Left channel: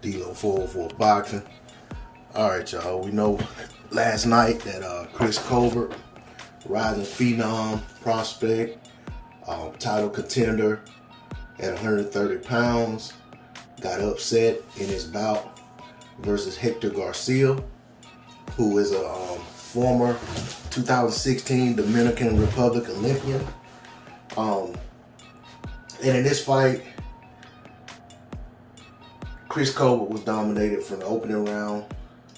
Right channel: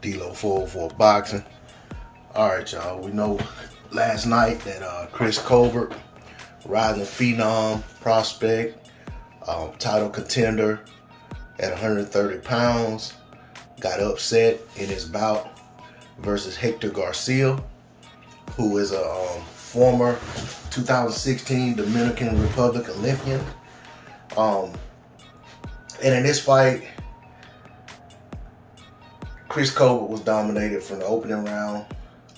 D-Lo 404 Boxing. All right, y'all. We know last night that Chris Colbert, rising phenom prospect, title contender at 130 pounds, got upset in his bout versus Hector Garcia, who is a former 2016 Dominican Republic Olympian. And in this fight, Chris Colbert was dominated from the opening round.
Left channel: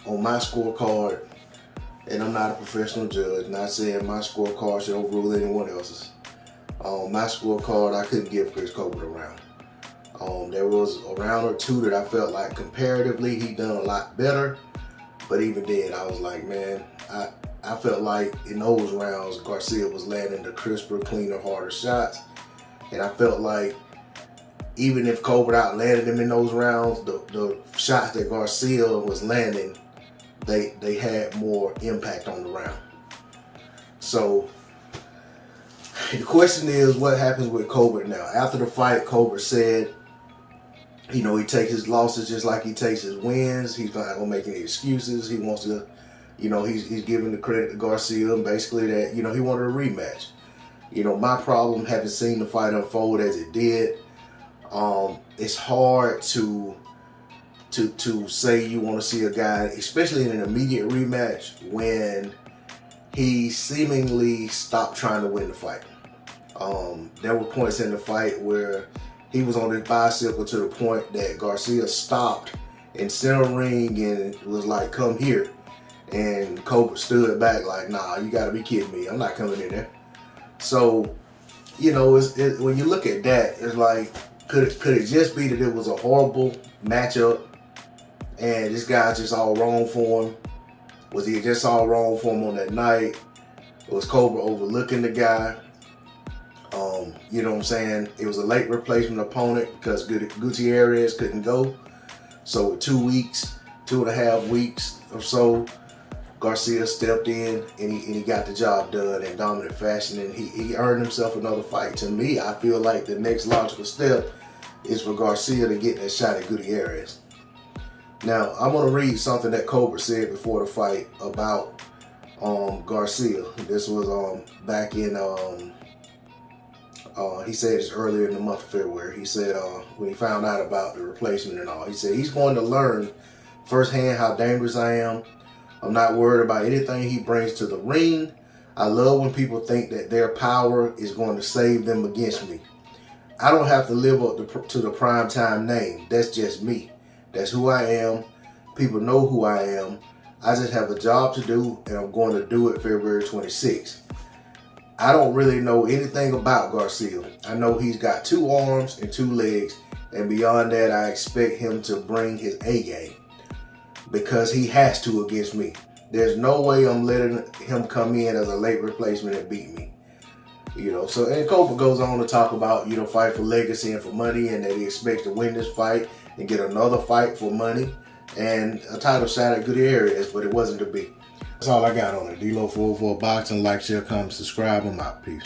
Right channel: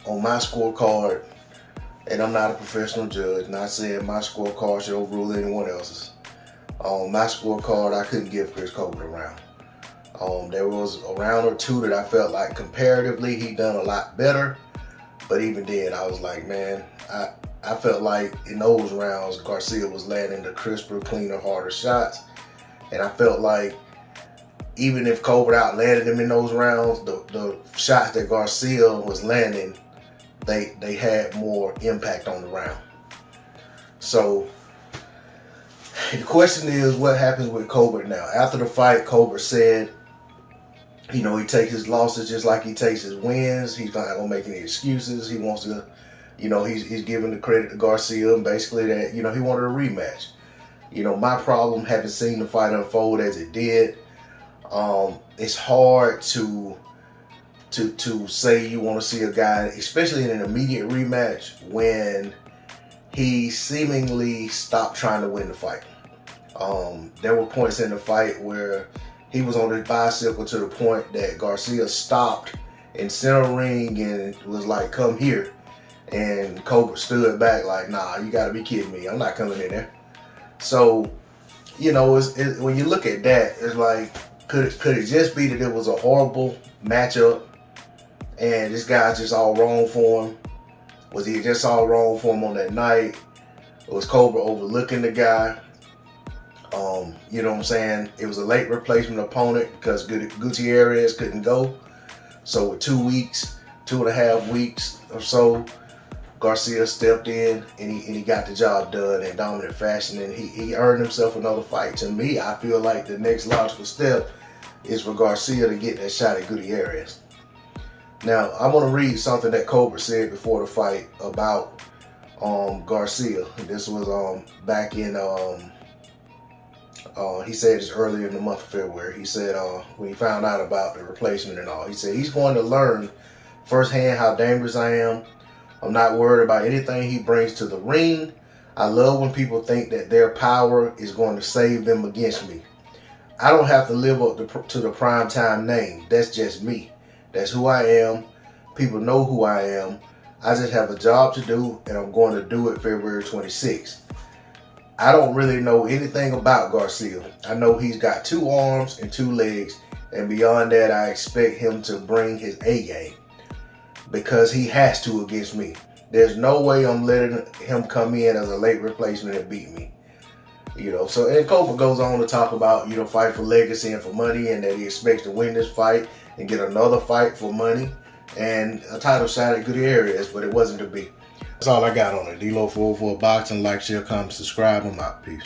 On my scorecard, and I'm not a professional judge, not saying my scorecard should overrule anyone else's. On my scorecard, I couldn't give Chris Colbert a round. There was a round or two that I felt like comparatively he done a lot better, but even then I was like, man, I felt like in those rounds Garcia was landing the crisper, cleaner, harder shots, and I felt like even if Colbert outlanded him in those rounds, the shots that Garcia was landing, they had more impact on the round. So the question is, what happens with Colbert now? After the fight, Colbert said, he takes his losses just like he takes his wins. He's not gonna make any excuses. He wants to, he's giving the credit to Garcia, and basically that, he wanted a rematch. My problem, having seen the fight unfold as it did, it's hard to say you want to see a guy, especially in an immediate rematch, when he seemingly stopped trying to win the fight. There were points in the fight where he was on his bicycle to the point that Garcia stopped in center ring and was like, come here. And Colbert stood back like, nah, you got to be kidding me. I'm not coming in there. So, when you look at that, it's like, could it just be that it was a horrible matchup and this guy's just all wrong for him? Was he just all wrong for him on that night? Was Colbert overlooking the guy? You know what I'm saying? It was a late replacement opponent because Gutierrez couldn't go. So with 2.5 weeks or so, Garcia stepped in and he got the job done in dominant fashion, and he earned himself another fight. To me, I feel like the next logical step is for Garcia to get that shot at Gutierrez. Now, I'm going to read something that Colbert said before the fight about Garcia. This was back in, he said this earlier in the month of February. He said when he found out about the replacement and all, he said he's going to learn firsthand how dangerous I am. I'm not worried about anything he brings to the ring. I love when people think that their power is going to save them against me. I don't have to live up to the primetime name. That's just me. That's who I am. People know who I am. I just have a job to do, and I'm going to do it February 26th. I don't really know anything about Garcia. I know he's got 2 arms and 2 legs, and beyond that, I expect him to bring his A game because he has to against me. There's no way I'm letting him come in as a late replacement and beat me. So, and Colbert goes on to talk about, fight for legacy and for money, and that he expects to win this fight and get another fight for money and a title shot at Gutierrez, but it wasn't to be. That's all I got on it. D-Lo 404 Boxing. Like, share, comment, subscribe. I'm out. Peace.